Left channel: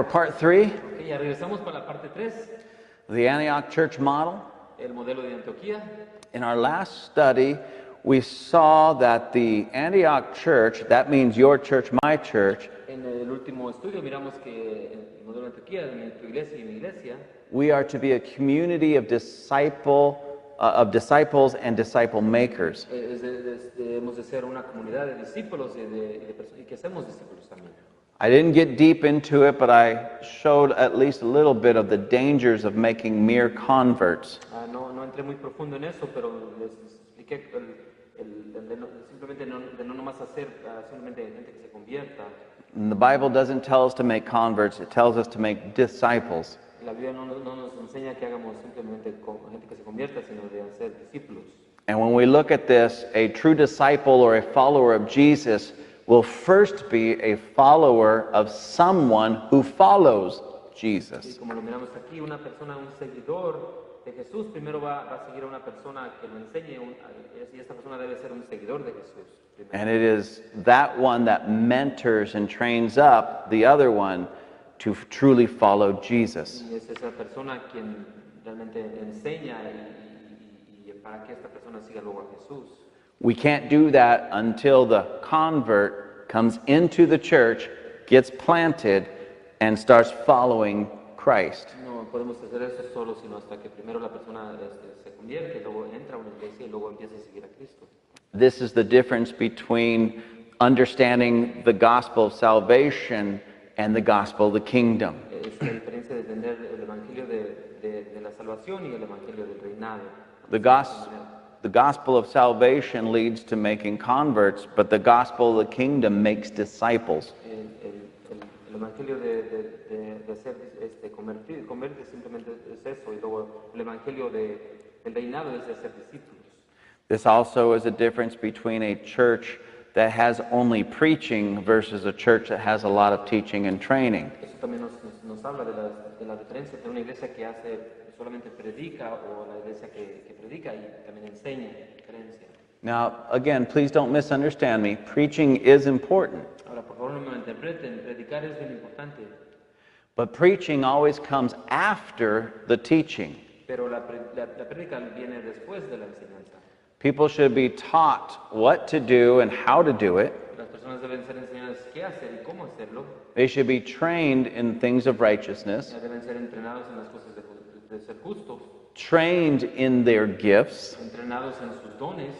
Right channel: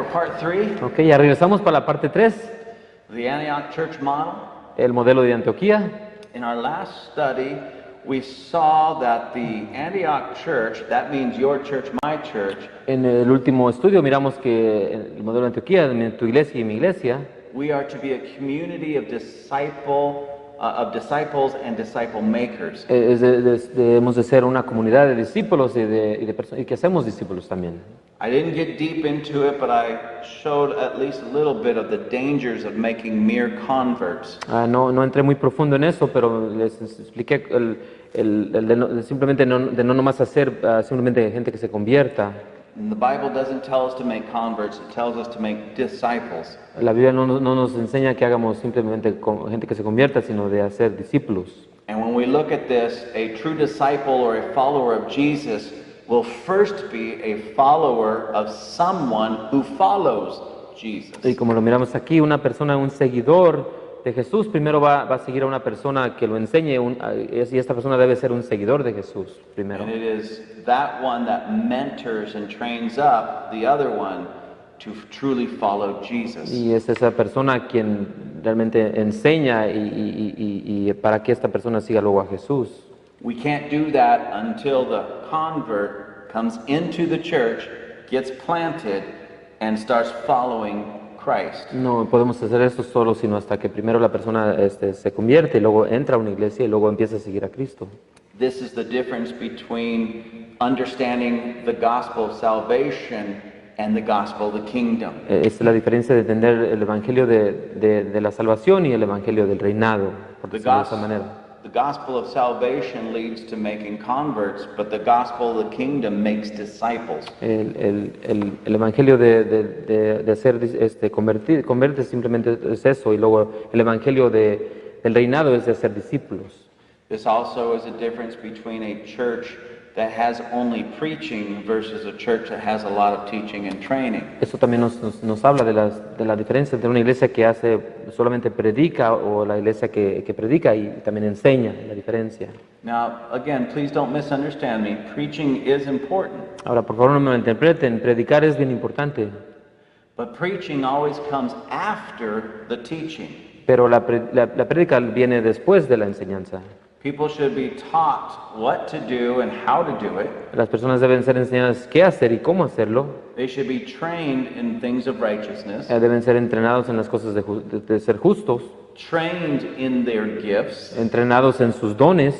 for part 3, Ok, ya regresamos para la parte 3, the Antioch Church model. el modelo de Antioquía. In our last study, we saw that the Antioch Church, that means your church, my church, En el último estudio miramos que el modelo de Antioquía, tu iglesia y mi iglesia, we are to be a community of disciples and disciple makers. debemos de ser una comunidad de discípulos y que hacemos discípulos también. I didn't get deep into it, but I showed at least a little bit of the dangers of making mere converts. No entré muy profundo en eso, pero les expliqué simplemente de no nomás hacer simplemente gente que se convierta. And the Bible doesn't tell us to make converts, it tells us to make disciples. La Biblia no nos enseña que hagamos simplemente gente que se convierta, sino de hacer discípulos. And when we look at this, a true disciple or a follower of Jesus will first be a follower of someone who follows Jesus. Y como lo miramos aquí, una persona, un seguidor de Jesús, primero va a seguir a una persona que lo enseñe, y esta persona debe ser un seguidor de Jesús primero. And it is that one that mentors and trains up the other one to truly follow Jesus. Y es esa persona quien realmente enseña y para que esta persona siga luego a Jesús. We can't do that until the convert comes into the church, gets planted, and starts following Christ. No podemos hacer eso solo, sino hasta que primero la persona se convierte y luego entra a una iglesia y luego empieza a seguir a Cristo. This is the difference between understanding the gospel of salvation and the gospel of the kingdom. Es la diferencia de entender el evangelio de la salvación y el evangelio del reinado, por The decirlo de esa manera. gospel of salvation leads to making converts, but the gospel of the kingdom makes disciples. El evangelio de hacer convertir simplemente es eso, y luego el evangelio del reinado es de hacer discípulos. This also is a difference between a church that has only preaching versus a church that has a lot of teaching and training. Eso también nos habla de la diferencia entre una iglesia que solamente predica o la iglesia que predica y también enseña, la diferencia. Now, again, please don't misunderstand me. Preaching is important, Ahora, por favor, no me malinterpreten, predicar es bien importante, but preaching always comes after the teaching. pero la prédica viene después de la enseñanza. People should be taught what to do and how to do it. Las personas deben ser enseñadas qué hacer y cómo hacerlo. They should be trained in things of righteousness, Deben ser entrenados en las cosas de ser justos, trained in their gifts, entrenados en sus dones,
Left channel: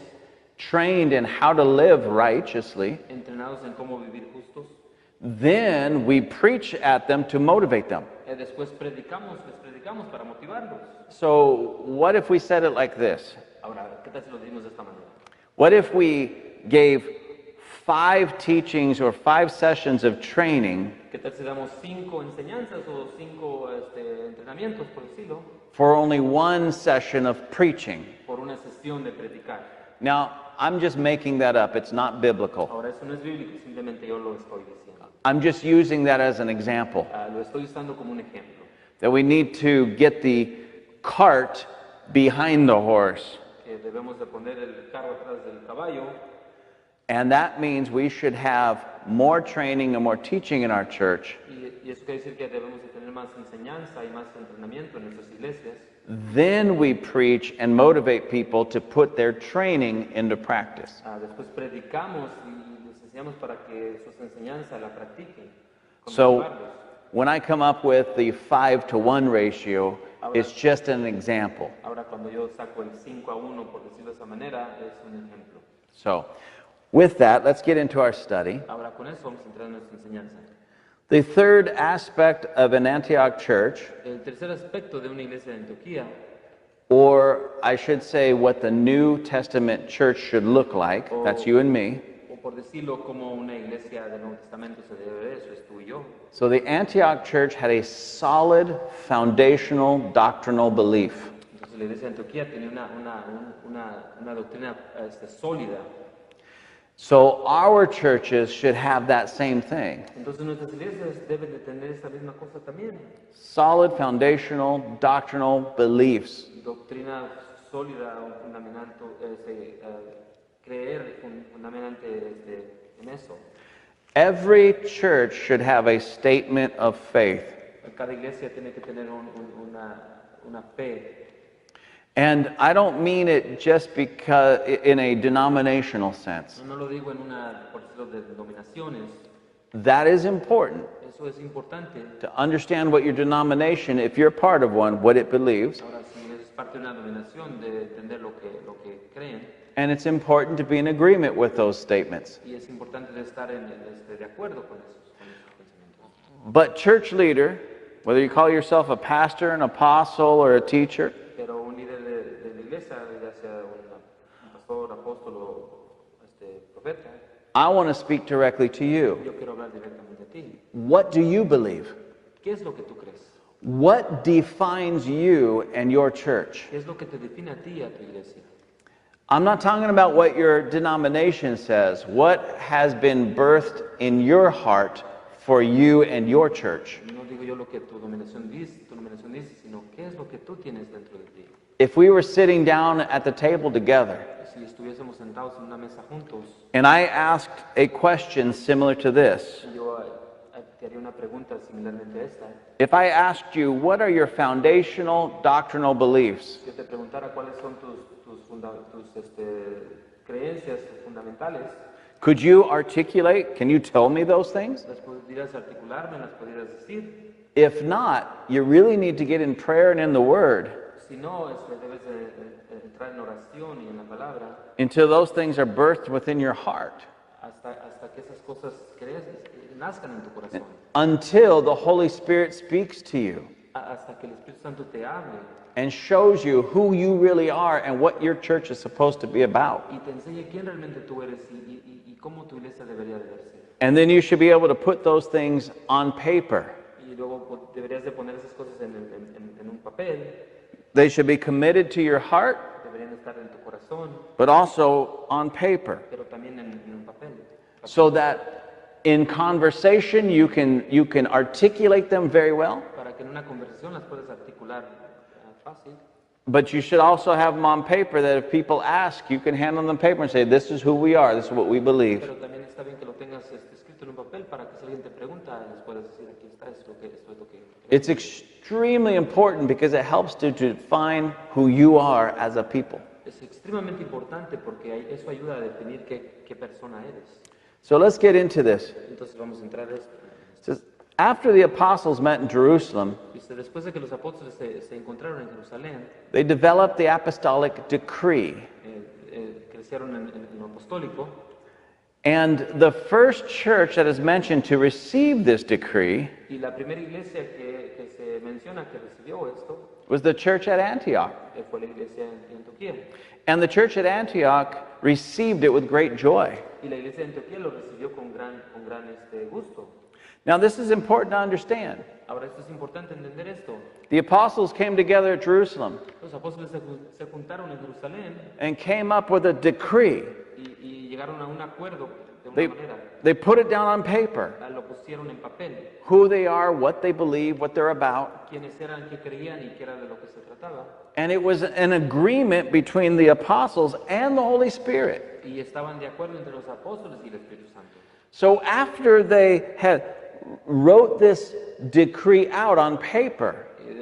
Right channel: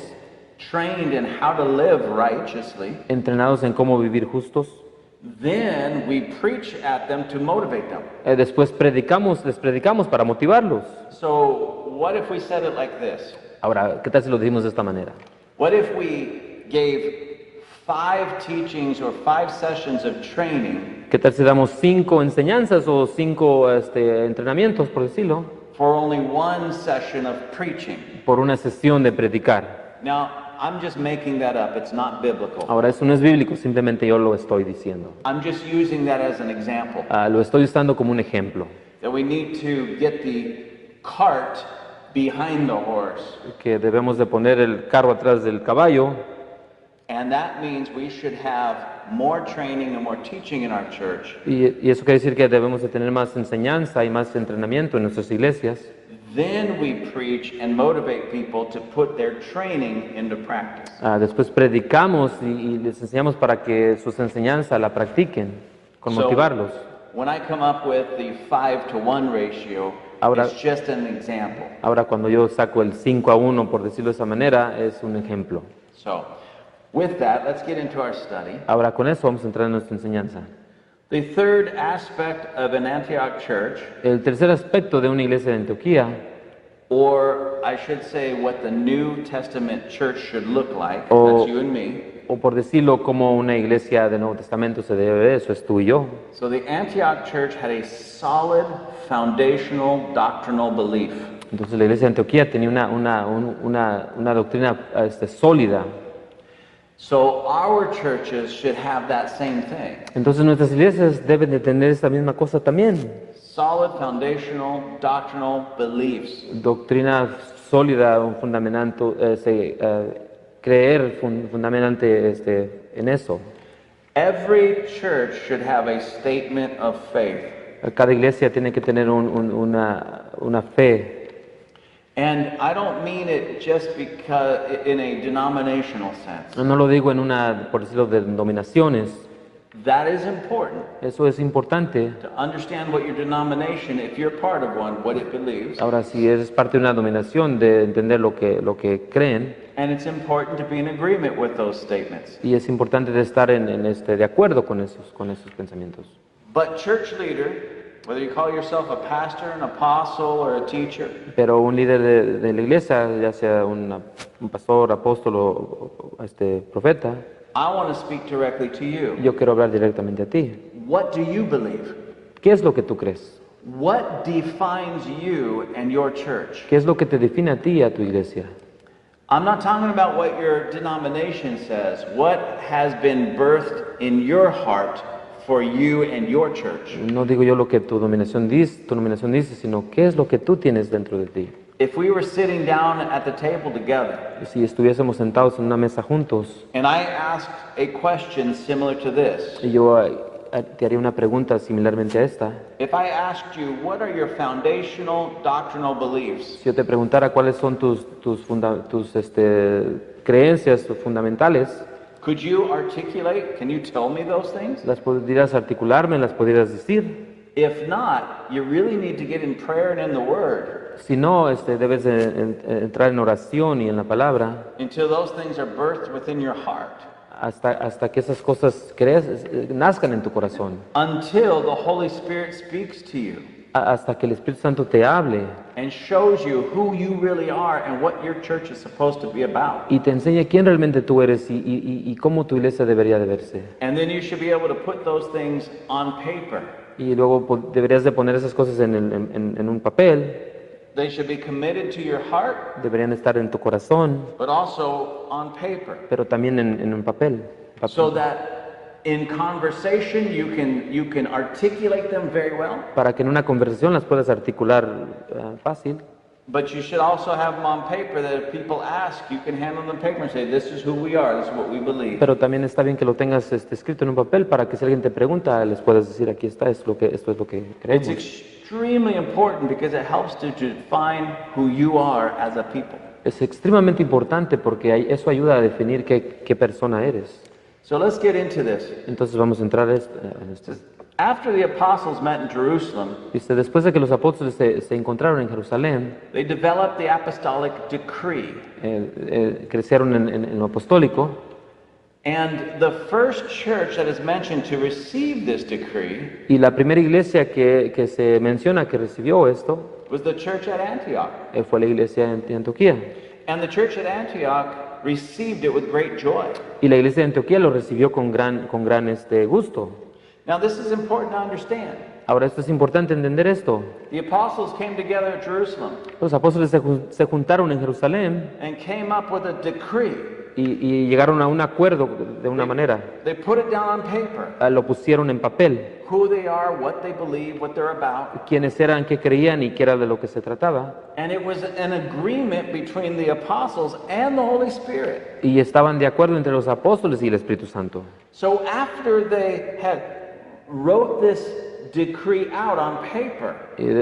trained in how to live righteously. entrenados en cómo vivir justos. Then we preach at them to motivate them. Después les predicamos para motivarlos. So, what if we said it like this? Ahora, ¿qué tal si lo decimos de esta manera? What if we gave 5 teachings or 5 sessions of training ¿Qué tal si damos 5 enseñanzas o 5 entrenamientos, por decirlo, for only 1 session of preaching? por una sesión de predicar? Now, I'm just making that up. It's not biblical. Ahora, eso no es bíblico, simplemente yo lo estoy diciendo. I'm just using that as an example. Lo estoy usando como un ejemplo. That we need to get the cart behind the horse. Que debemos de poner el carro atrás del caballo. And that means we should have more training and more teaching in our church. Y eso quiere decir que debemos de tener más enseñanza y más entrenamiento en nuestras iglesias. Then we preach and motivate people to put their training into practice. Después predicamos y les enseñamos para que sus enseñanzas la practiquen, con So, motivarlos. when I come up with the 5-to-1 ratio, Ahora- it's just an example. Ahora, cuando yo saco el 5-1, por decirlo de esa manera, es un ejemplo. So, with that, let's get into our study. Ahora, con eso vamos a entrar en nuestra enseñanza. The third aspect of an Antioch church, El tercer aspecto de una iglesia de Antioquía, or I should say what the New Testament church should look like, Oh. that's you and me. o por decirlo como una iglesia del Nuevo Testamento se debe, eso es tú y yo. So the Antioch church had a solid foundational doctrinal belief. Entonces la iglesia de Antioquía tenía una doctrina sólida. So our churches should have that same thing. Entonces nuestras iglesias deben de tener esta misma cosa también. Solid foundational doctrinal beliefs. Doctrina sólida, un fundamento, creer fundamentalmente en eso. Every church should have a statement of faith. Cada iglesia tiene que tener una fe. And I don't mean it just because in a denominational sense. No lo digo por decirlo, de denominaciones. That is important Eso es importante. to understand what your denomination, if you're part of one, what it believes. Ahora, si eres parte de una denominación, de entender lo que creen. And it's important to be in agreement with those statements. Y es importante de estar de acuerdo con esos pensamientos. But church leader, whether you call yourself a pastor, an apostle, or a teacher, Pero un líder de la iglesia, ya sea un pastor, apóstol o profeta, I want to speak directly to you. yo quiero hablar directamente a ti. What do you believe? ¿Qué es lo que tú crees? What defines you and your church? ¿Qué es lo que te define a ti y a tu iglesia? I'm not talking about what your denomination says. What has been birthed in your heart for you and your church? No digo yo lo que tu denominación dice, sino qué es lo que tú tienes dentro de ti. If we were sitting down at the table together Si estuviésemos sentados en una mesa juntos and I asked a question similar to this, y yo te haría una pregunta similarmente a esta, if I asked you, what are your foundational doctrinal beliefs? si yo te preguntara cuáles son tus creencias fundamentales, Could you articulate? Can you tell me those things? ¿las podrías articularme, las podrías decir? If not, you really need to get in prayer and in the Word Si no, debes entrar en oración y en la palabra until those things are birthed within your heart, hasta que esas cosas nazcan en tu corazón, until the Holy Spirit speaks to you hasta que el Espíritu Santo te hable and shows you who you really are and what your church is supposed to be about. y te enseñe quién realmente tú eres y cómo tu iglesia debería de verse. And then you should be able to put those things on paper. Y luego deberías de poner esas cosas en un papel, They should be committed to your heart, deberían estar en tu corazón, but also on paper, pero también en un papel. so that in conversation you can articulate them very well, Para que en una conversación las puedas articular fácil, but you should also have them on paper that if people ask, you can hand them the paper and say, this is who we are, this is what we believe. pero también está bien que lo tengas escrito en un papel para que si alguien te pregunta, les puedas decir, aquí está, esto es lo que It's creemos. extremely important because it helps to define who you are as a people. Es extremadamente importante porque eso ayuda a definir qué persona eres. So let's get into this. Entonces vamos a entrar en esto. After the apostles met in Jerusalem, Dice, después de que los apóstoles se encontraron en Jerusalén, they developed the apostolic decree. crecieron en lo apostólico, And the first church that is mentioned to receive this decree y la primera iglesia que se menciona que recibió esto was the church at Antioch. fue la iglesia de Antioquía. And the church at Antioch received it with great joy. Y la iglesia de Antioquía lo recibió con gran gusto. Now, this is important to understand. Ahora, esto es importante entender esto. The apostles came together at Jerusalem Los apóstoles se juntaron en Jerusalén and came up with a decree. y llegaron a un acuerdo de una manera. They put it down on paper. Lo pusieron en papel. Who they are, what they believe, what they're about. Quiénes eran, qué creían y qué era de lo que se trataba. And it was an agreement between the apostles and the Holy Spirit. Y estaban de acuerdo entre los apóstoles y el Espíritu Santo. So after they had wrote this decree out on paper,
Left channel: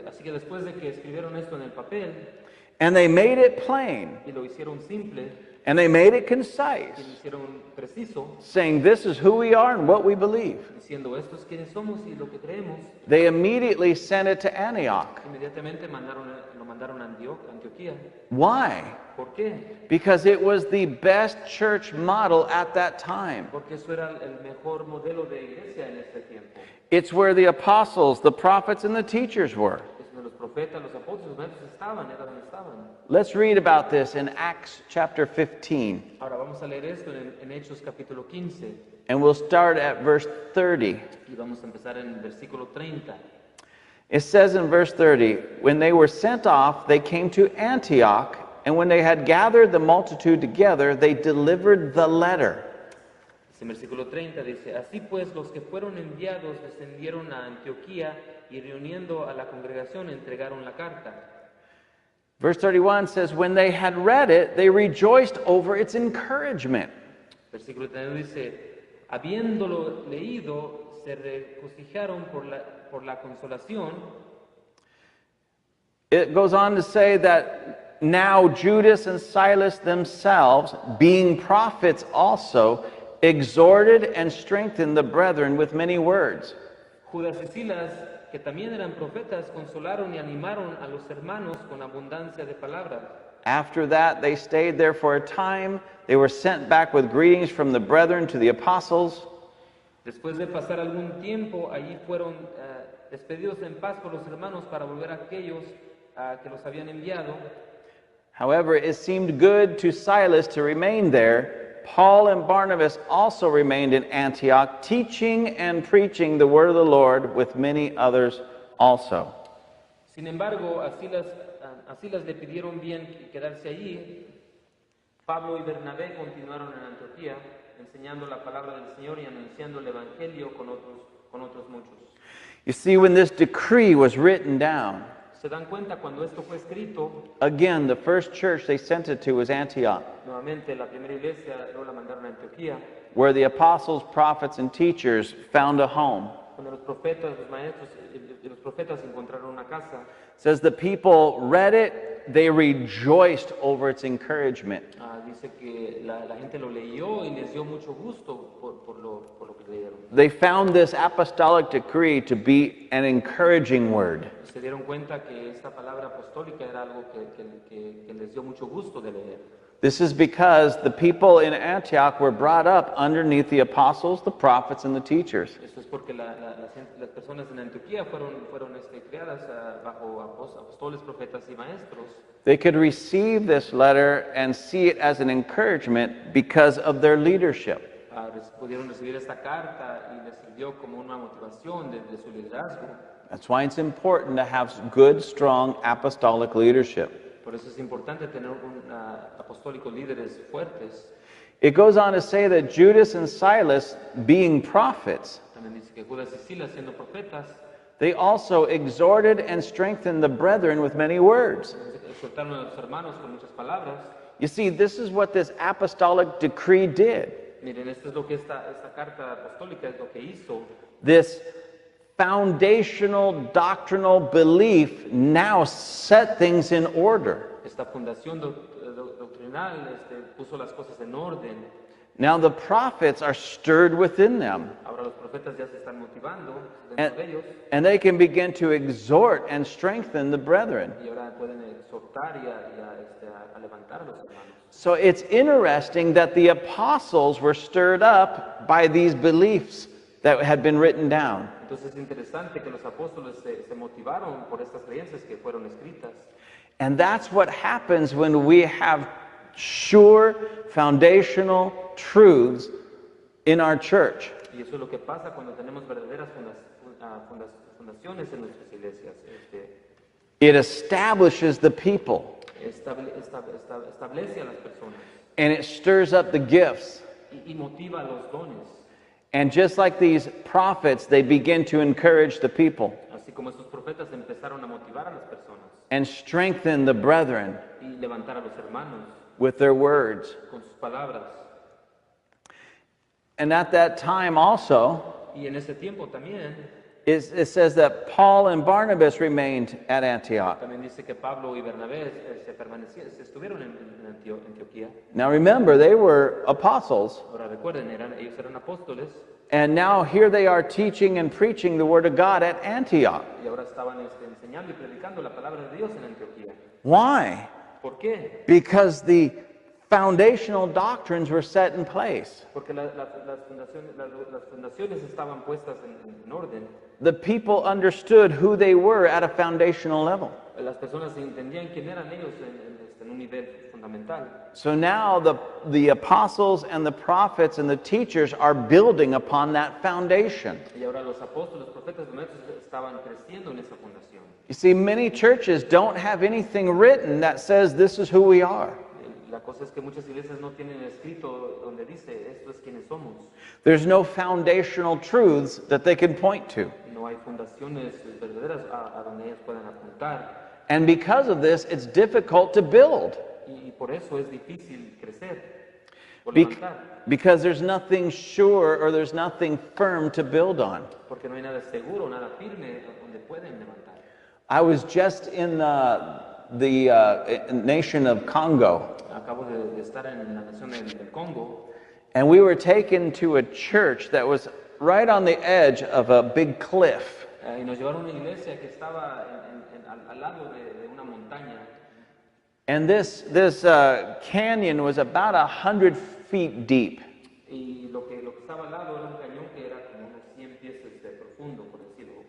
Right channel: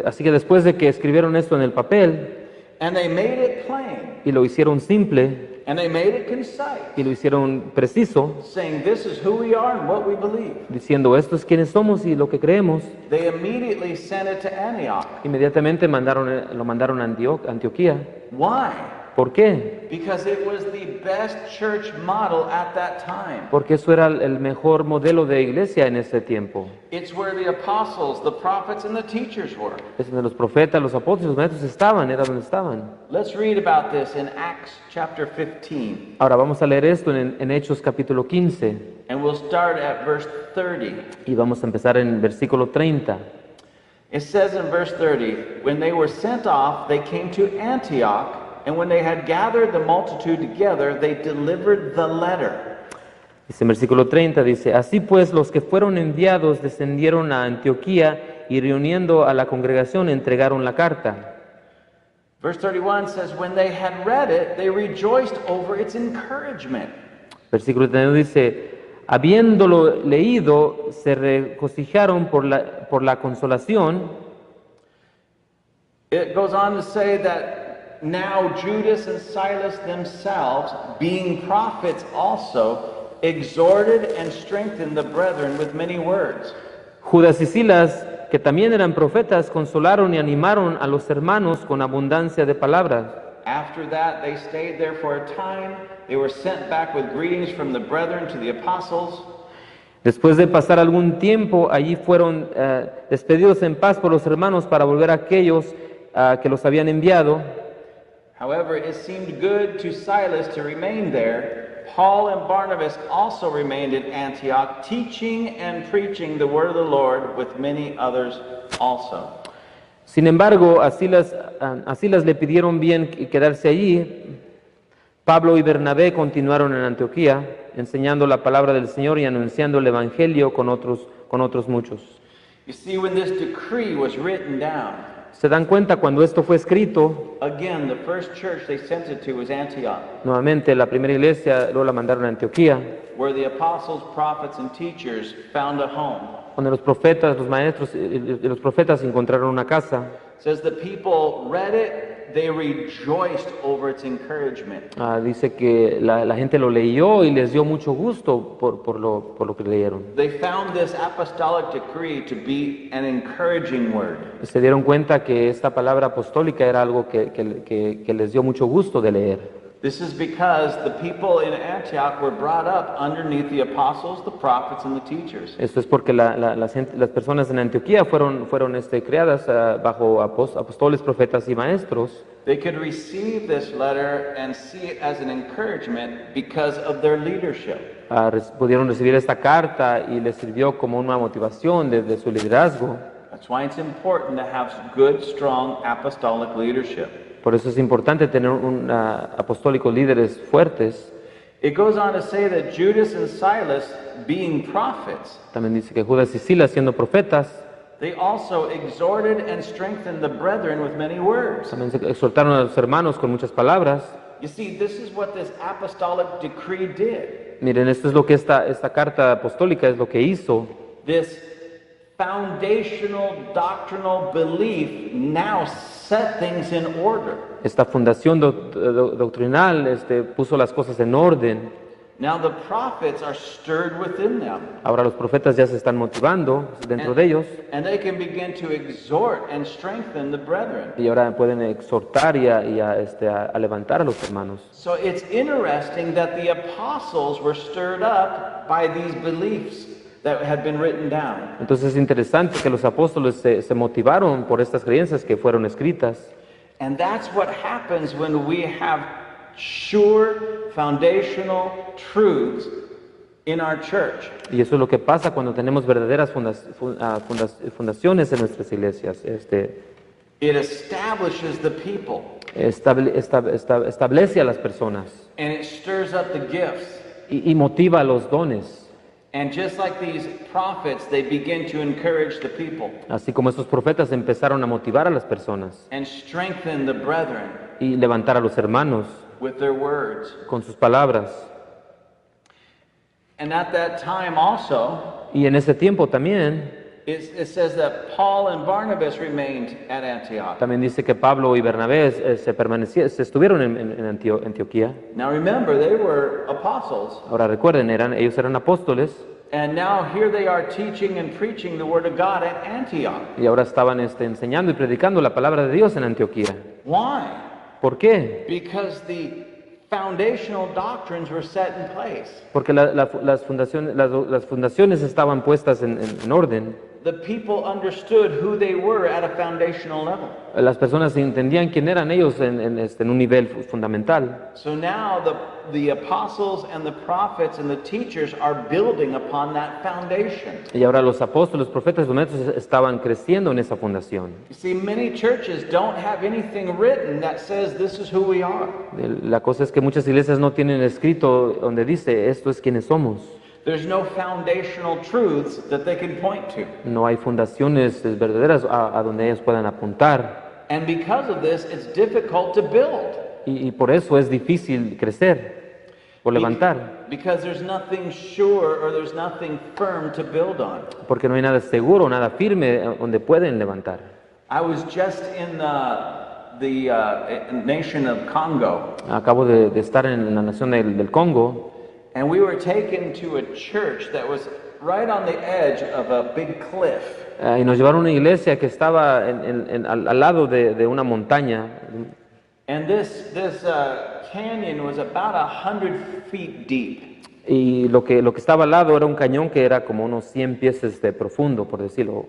Así que después de que escribieron esto en el papel and they made it plain, y lo hicieron simple and they made it concise, y lo hicieron preciso, saying this is who we are and what we believe, diciendo esto es quiénes somos y lo que creemos, they immediately sent it to Antioch. inmediatamente lo mandaron a Antioquía. Why? ¿Por qué? Because it was the best church model at that time. Porque eso era el mejor modelo de iglesia en ese tiempo. It's where the apostles, the prophets, and the teachers were. Es donde los profetas, los apóstoles, los maestros era donde estaban. Let's read about this in Acts chapter 15, Ahora vamos a leer esto en Hechos capítulo 15 and we'll start at verse 30. y vamos a empezar en versículo 30. It says in verse 30, when they were sent off, they came to Antioch, and when they had gathered the multitude together, they delivered the letter. Dice en versículo 30, dice, así pues los que fueron enviados descendieron a Antioquía y reuniendo a la congregación entregaron la carta. Verse 31 says, when they had read it, they rejoiced over its encouragement. Versículo 31 dice, Habiéndolo leído, se regocijaron por la consolación. It goes on to say that now Judas and Silas themselves, being prophets also, exhorted and strengthened the brethren with many words. Judas y Silas, que también eran profetas, consolaron y animaron a los hermanos con abundancia de palabras. After that, they stayed there for a time. They were sent back with greetings from the brethren to the apostles. Después de pasar algún tiempo, allí fueron despedidos en paz por los hermanos para volver a aquellos que los habían enviado. However, it seemed good to Silas to remain there. Paul and Barnabas also remained in Antioch, teaching and preaching the word of the Lord with many others also. Sin embargo, a Silas le pidieron bien quedarse allí. Pablo y Bernabé continuaron en Antioquía, enseñando la palabra del Señor y anunciando el Evangelio con otros muchos. You see, when this decree was written down, ¿Se dan cuenta cuando esto fue escrito? again, the first church they sent it to was Antioch, Nuevamente, la primera iglesia luego la mandaron a Antioquía, where the apostles, prophets, and teachers found a home. donde los profetas, los maestros y los profetas encontraron una casa. It says the people read it, they rejoiced over its encouragement. Dice que la gente lo leyó y les dio mucho gusto por lo que leyeron. They found this apostolic decree to be an encouraging word. Se dieron cuenta que esta palabra apostólica era algo que les dio mucho gusto de leer. This is because the people in Antioch were brought up underneath the apostles, the prophets, and the teachers. Esto es porque las personas en Antioquía fueron creadas bajo apóstoles, profetas y maestros. They could receive this letter and see it as an encouragement because of their leadership. Pudieron recibir esta carta y les sirvió como una motivación de su liderazgo. That's why it's important to have good, strong apostolic leadership. Por eso es importante tener apostólicos líderes fuertes. It goes on to say that Judas and Silas, being prophets, También dice que Judas y Silas, siendo profetas, they also exhorted and strengthened the brethren with many words. también exhortaron a los hermanos con muchas palabras. You see, this is what this apostolic decree did. Miren, esto es lo que esta carta apostólica es lo que hizo. This foundational doctrinal belief now set things in order. Esta fundación doctrinal puso las cosas en orden. Now the prophets are stirred within them. Ahora los profetas ya se están motivando dentro de ellos And they can begin to exhort and strengthen the brethren. y ahora pueden exhortar y a levantar a los hermanos. So it's interesting that the apostles were stirred up by these beliefs that had been written down. Entonces es interesante que los apóstoles se motivaron por estas creencias que fueron escritas. And that's what happens when we have sure foundational truths in our church. Y eso es lo que pasa cuando tenemos verdaderas fundaciones en nuestras iglesias. It establishes the people Establece a las personas and it stirs up the gifts. y motiva a los dones. And just like these prophets, they begin to encourage the people Así como estos profetas empezaron a motivar a las personas and strengthen the brethren y levantar a los hermanos with their words. con sus palabras. And at that time also, Y en ese tiempo también, it says that Paul and Barnabas remained at Antioch. también dice que Pablo y Bernabé se estuvieron en Antioquía. Now remember, they were apostles. Ahora recuerden, ellos eran apóstoles And now here they are teaching and preaching the word of God at Antioch. y ahora estaban enseñando y predicando la palabra de Dios en Antioquía. Why? ¿Por qué? Because the foundational doctrines were set in place. Porque las fundaciones estaban puestas en orden. The people understood who they were at a foundational level. Las personas entendían quién eran ellos en un nivel fundamental. So now the apostles and the prophets and the teachers are building upon that foundation. Y ahora los apóstoles, los profetas, los maestros estaban creciendo en esa fundación. You see, many churches don't have anything written that says this is who we are. La cosa es que muchas iglesias no tienen escrito donde dice esto es quienes somos. There's no foundational truths that they can point to. No hay fundaciones verdaderas a donde ellos puedan apuntar. And because of this, it's difficult to build. Y por eso es difícil crecer. por levantar, Because there's nothing sure or there's nothing firm to build on. porque no hay nada seguro, nada firme donde pueden levantar. I was just in the nation of Congo, Acabo de estar en la nación del Congo and we were taken to a church that was right on the edge of a big cliff. y nos llevaron a una iglesia que estaba al lado de una montaña. And this canyon was about 100 feet deep. Y lo que estaba al lado era un cañón que era como unos 100 pies profundo, por decirlo.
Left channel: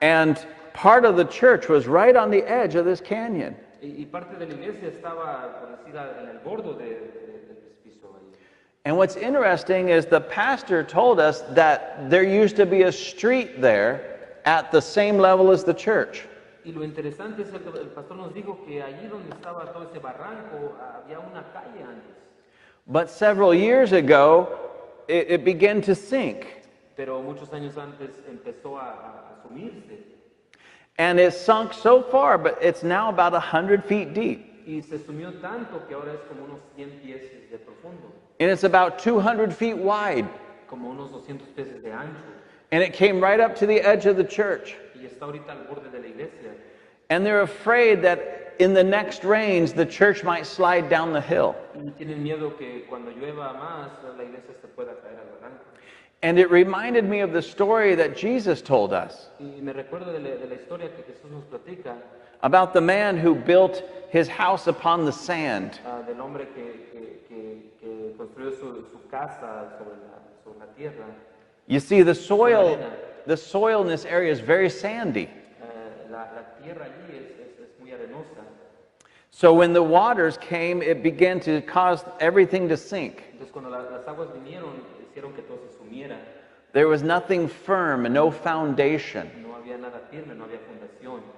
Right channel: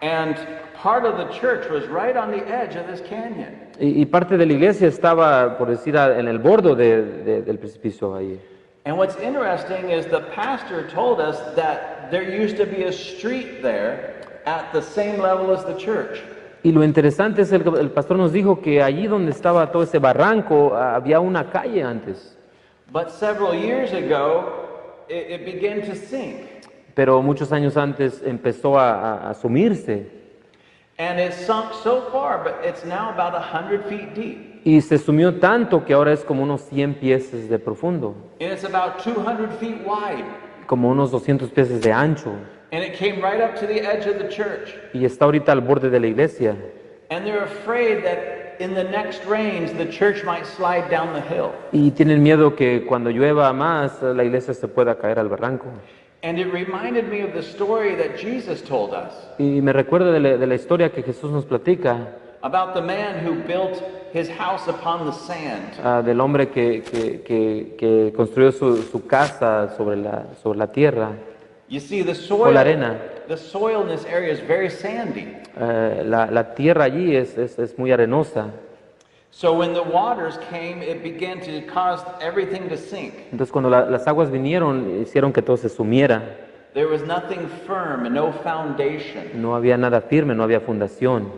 And part of the church was right on the edge of this canyon. Y parte de la iglesia estaba, por decir, en el borde del precipicio ahí. And what's interesting is the pastor told us that there used to be a street there at the same level as the church. Y lo interesante es el pastor nos dijo que allí donde estaba todo ese barranco había una calle antes. But several years ago, it began to sink. Pero muchos años antes empezó a sumirse. And it sunk so far, but it's now about 100 feet deep. Y se sumió tanto que ahora es como unos 100 pies de profundo, And it's about 200 feet wide. como unos 200 pies de ancho. And it came right up to the edge of the church. Y está ahorita al borde de la iglesia. And they're afraid that in the next rains, the church might slide down the hill. Y tienen miedo que cuando llueva más, la iglesia se pueda caer al barranco. And it reminded me of the story that Jesus told us Y me recuerda de la historia que Jesús nos platica, about the man who built his house upon the sand. del hombre que construyó su casa sobre la tierra. You see, la arena. the soil in this area is very sandy. La tierra allí es muy arenosa. So when the waters came, it began to cause everything to sink. Entonces cuando las aguas vinieron, hicieron que todo se sumiera. There was nothing firm and no foundation. No había nada firme, no había fundación.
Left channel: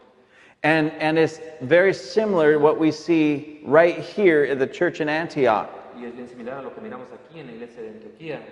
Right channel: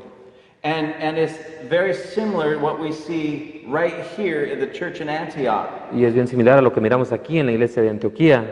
And it's very similar to what we see right here in the church in Antioch. Y es bien similar a lo que miramos aquí en la iglesia de Antioquía.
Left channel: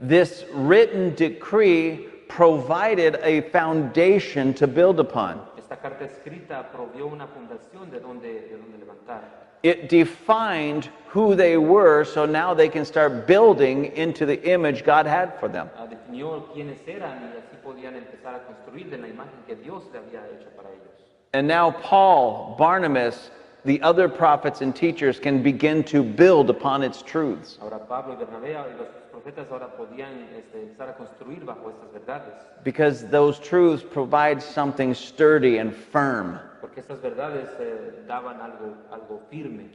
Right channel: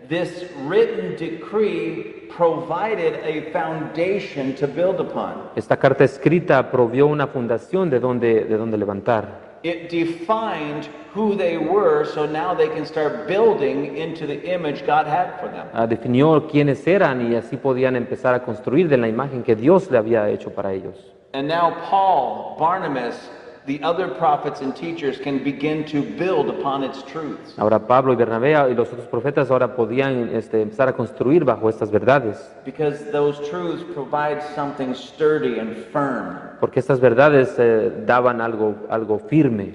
This written decree provided a foundation to build upon. Esta carta escrita provió una fundación de donde levantar. It defined who they were, so now they can start building into the image God had for them. Definió quiénes eran y así podían empezar a construir de la imagen que Dios le había hecho para ellos. And now Paul, Barnabas, the other prophets and teachers can begin to build upon its truths. Ahora Pablo y Bernabé y los otros profetas ahora podían empezar a construir bajo estas verdades, Because those truths provide something sturdy and firm. porque estas verdades daban algo firme.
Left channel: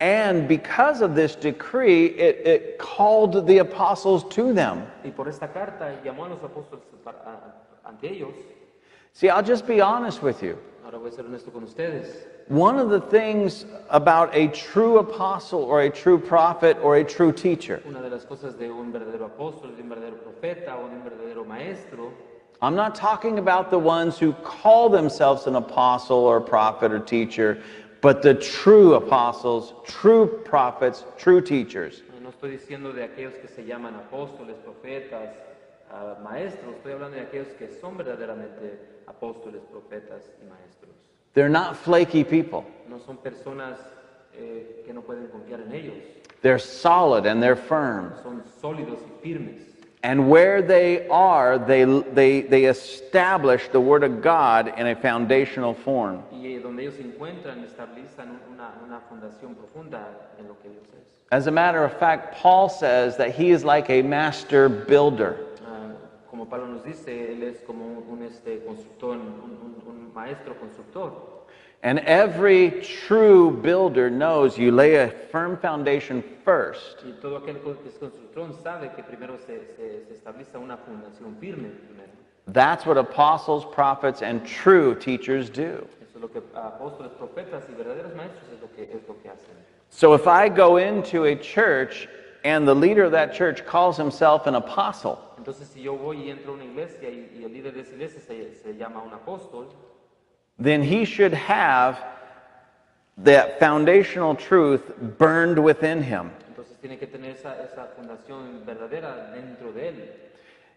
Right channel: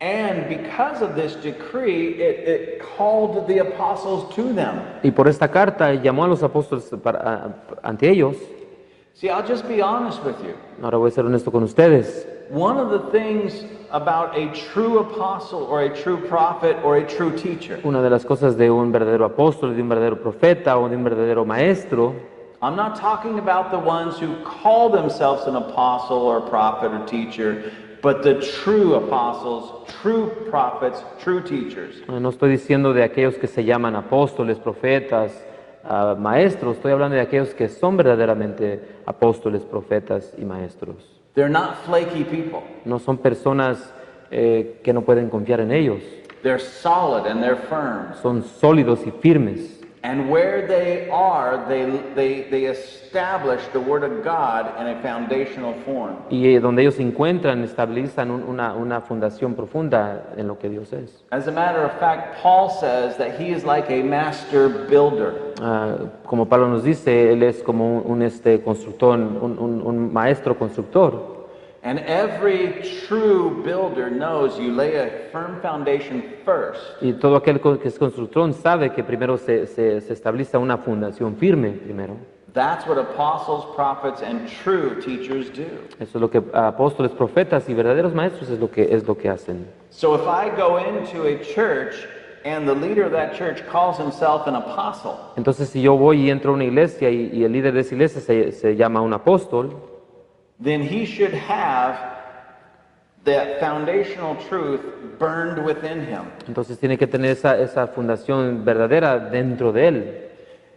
And because of this decree, it called the apostles to them. Y por esta carta llamó a los apóstoles ante ellos. See, I'll just be honest with you. Ahora voy a ser honesto con ustedes. One of the things about a true apostle or a true prophet or a true teacher, Una de las cosas de un verdadero apóstol, de un verdadero profeta o de un verdadero maestro, I'm not talking about the ones who call themselves an apostle or a prophet or teacher, but the true apostles, true prophets, true teachers. no estoy diciendo de aquellos que se llaman apóstoles, profetas, maestros, estoy hablando de aquellos que son verdaderamente apóstoles, profetas y maestros. They're not flaky people. No son personas que no pueden confiar en ellos, They're solid and they're firm. son sólidos y firmes. And where they are, they establish the Word of God in a foundational form. Y donde ellos se encuentran, estabilizan una fundación profunda en lo que Dios es. As a matter of fact, Paul says that he is like a master builder. Como Pablo nos dice, él es como un constructor, un maestro constructor. And every true builder knows you lay a firm foundation first, Y todo aquel que es constructor sabe que primero se establece una fundación firme primero. That's what apostles, prophets, and true teachers do. Eso es lo que apóstoles, profetas y verdaderos maestros es lo que hacen. So if I go into a church and the leader of that church calls himself an apostle, Entonces, si yo voy y entro a una iglesia y el líder de esa iglesia se llama un apóstol, then he should have that foundational truth burned within him. entonces tiene que tener esa fundación verdadera dentro de él.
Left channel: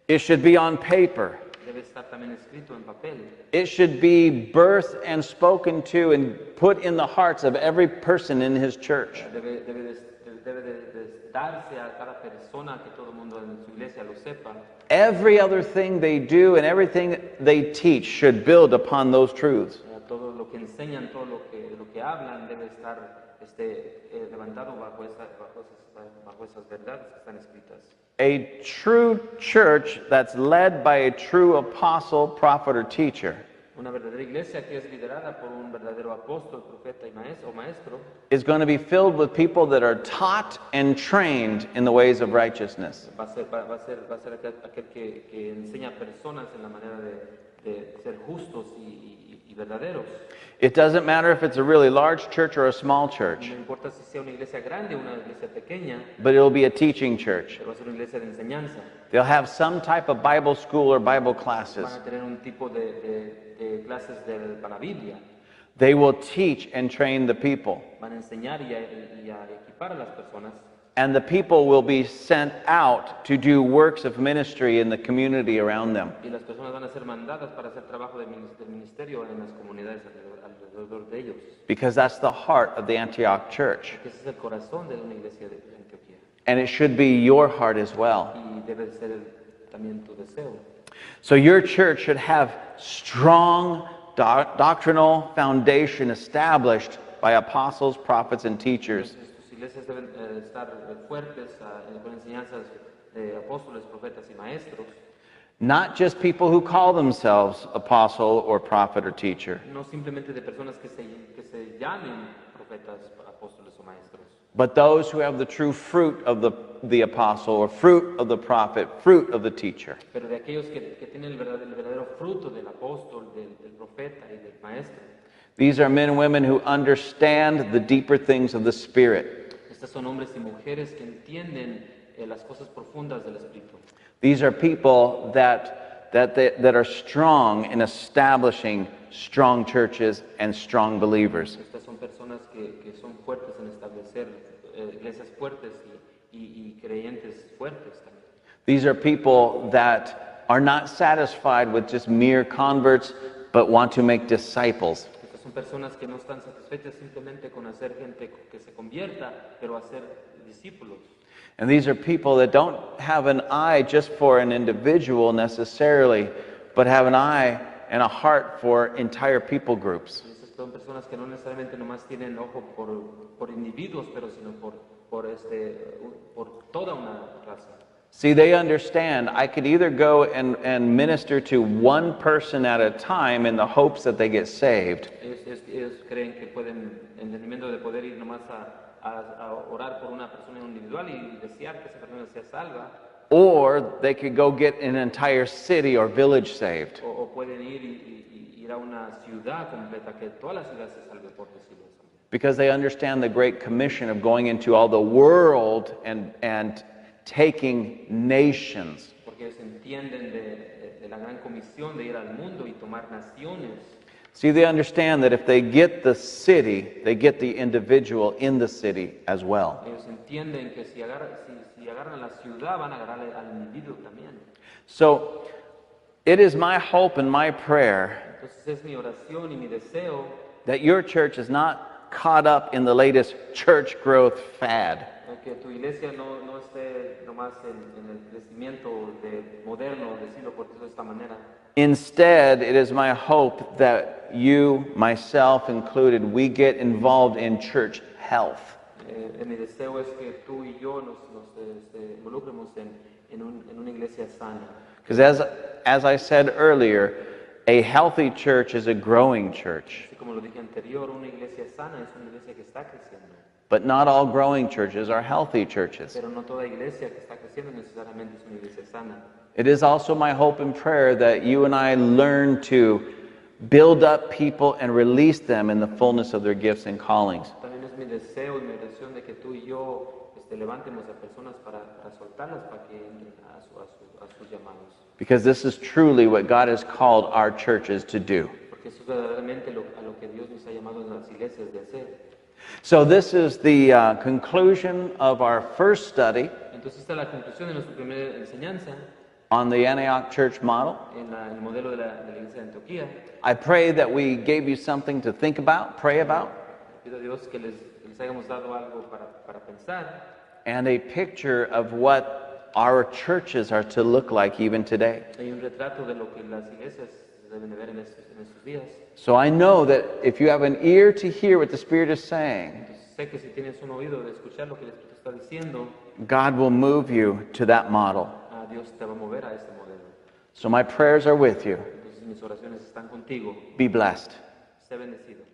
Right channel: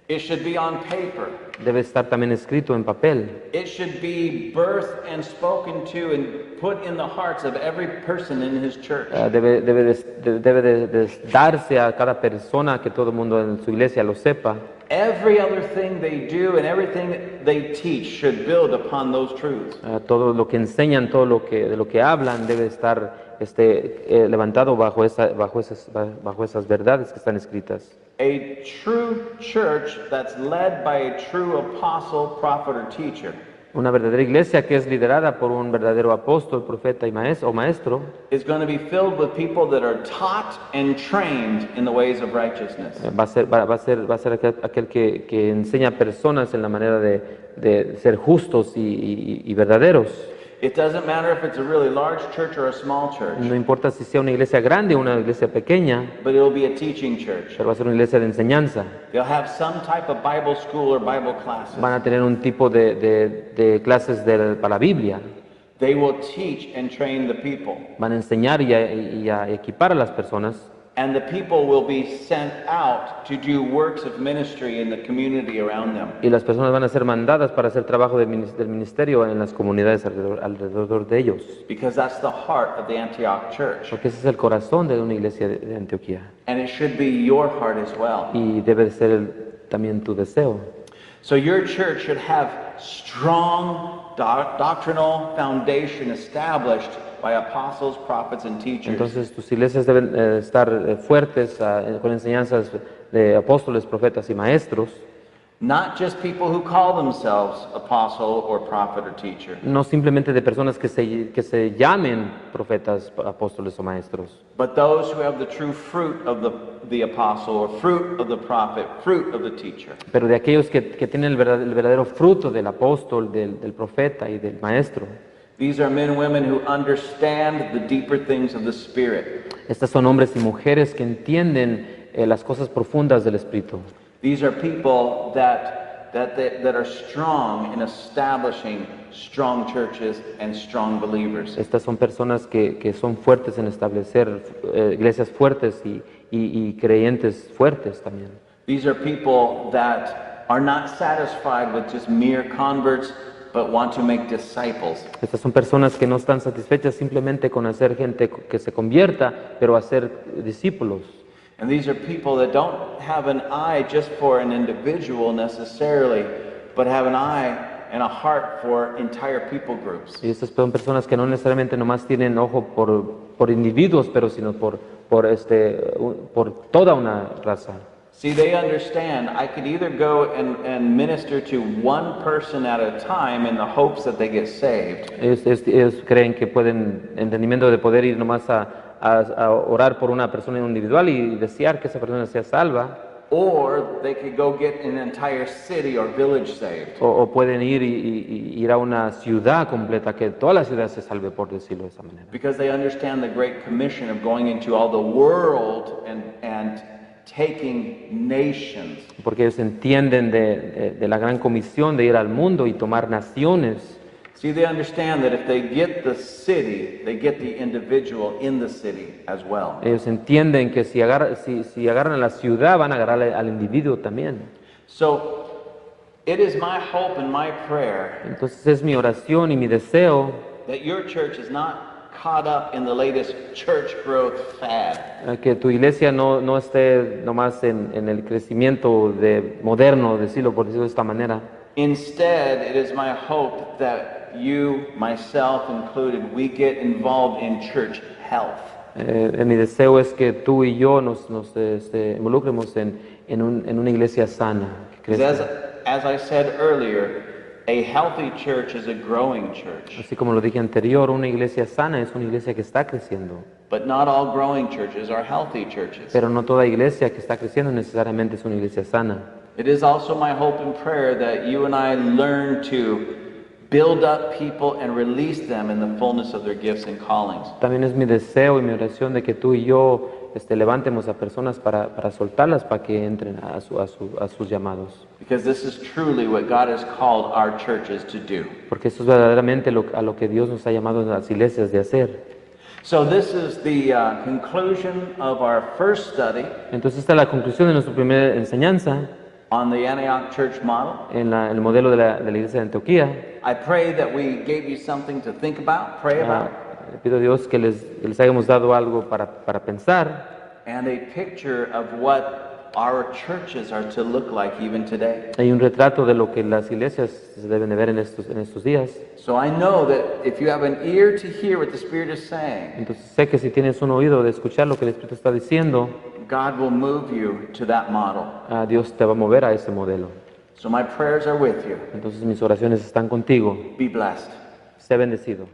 It should be on paper. Debe estar también escrito en papel. It should be birthed and spoken to and put in the hearts of every person in his church. Debe de darse a cada persona, que todo el mundo en su iglesia lo sepa. Every other thing they do and everything they teach should build upon those truths. Todo lo que enseñan, de lo que hablan, debe estar levantado bajo esas verdades que están escritas. A true church that's led by a true apostle, prophet, or teacher Una verdadera iglesia que es liderada por un verdadero apóstol, profeta y maestro is going to be filled with people that are taught and trained in the ways of righteousness. va a ser aquel que enseña a personas en la manera de ser justos y verdaderos. It doesn't matter if it's a really large church or a small church, No importa si sea una iglesia grande o una iglesia pequeña, but it'll be a teaching church. pero va a ser una iglesia de enseñanza. They'll have some type of Bible school or Bible classes. Van a tener un tipo de clases para la Biblia. They will teach and train the people. Van a enseñar y a equipar a las personas. And the people will be sent out to do works of ministry in the community around them. Y las personas van a ser mandadas para hacer trabajo del ministerio en las comunidades alrededor de ellos. Because that's the heart of the Antioch church. Porque ese es el corazón de una iglesia de Antioquía. And it should be your heart as well. Y debe de ser también tu deseo. So your church should have strong doctrinal foundation established by apostles, prophets, and teachers. Entonces tus iglesias deben estar fuertes con enseñanzas de apóstoles, profetas y maestros. Not just people who call themselves apostle or prophet or teacher, No simplemente de personas que se llamen profetas, apóstoles o maestros, but those who have the true fruit of the apostle or fruit of the prophet, fruit of the teacher. pero de aquellos que tienen el verdadero fruto del apóstol, del profeta y del maestro. These are men and women who understand the deeper things of the Spirit. Estas son hombres y mujeres que entienden las cosas profundas del Espíritu. These are people that are strong in establishing strong churches and strong believers. Estas son personas que son fuertes en establecer iglesias fuertes y creyentes fuertes también. These are people that are not satisfied with just mere converts, but want to make disciples. Estas son personas que no están satisfechas simplemente con hacer gente que se convierta, pero hacer discípulos. And these are people that don't have an eye just for an individual necessarily, but have an eye and a heart for entire people groups. Y estas son personas que no necesariamente nomás tienen ojo por individuos, pero sino por toda una raza. See, they understand I could either go and minister to one person at a time in the hopes that they get saved. Ellos creen que pueden, entendimiento de poder ir nomás a orar por una persona individual y desear que esa persona sea salva. Or they could go get an entire city or village saved. O pueden ir a una ciudad completa, que toda la ciudad se salve, por decirlo de esa manera. Because they understand the great commission of going into all the world and taking nations. Porque ellos entienden de la gran comisión de ir al mundo y tomar naciones. See, they understand that if they get the city, they get the individual in the city as well. Ellos entienden que si agarran a la ciudad, van a agarrar al individuo también. So, it is my hope and my prayer Entonces es mi oración y mi deseo that your church is not caught up in the latest church growth fad. que tu iglesia no esté nomás en el crecimiento moderno, por decirlo de esta manera. Instead, it is my hope that you, myself included, we get involved in church health. Mi deseo es que tú y yo nos involucremos en una iglesia sana. Because as I said earlier, a healthy church is a growing church. Así como lo dije anterior, una iglesia sana es una iglesia que está creciendo. But not all growing churches are healthy churches. Pero no toda iglesia que está creciendo necesariamente es una iglesia sana. It is also my hope and prayer that you and I learn to build up people and release them in the fullness of their gifts and callings. También es mi deseo y mi oración de que tú y yo levantemos a personas para soltarlas, para que entren a sus llamados. Because this is truly what God has called our churches to do. Porque eso es verdaderamente a lo que Dios nos ha llamado a las iglesias de hacer. So this is the conclusion of our first study. Entonces esta es la conclusión de nuestra primera enseñanza. on the Antioch church model. en el modelo de la iglesia de Antioquía. I pray that we gave you something to think about, pray about, Le pido a Dios que les hayamos dado algo para pensar. and a picture of what our churches are to look like even today. Hay un retrato de lo que las iglesias se deben de ver en estos días. So I know that if you have an ear to hear what the Spirit is saying, Entonces sé que si tienes un oído de escuchar lo que el Espíritu está diciendo, God will move you to that model. Dios te va a mover a ese modelo. So my prayers are with you. Entonces mis oraciones están contigo. Be blessed. Sé bendecido.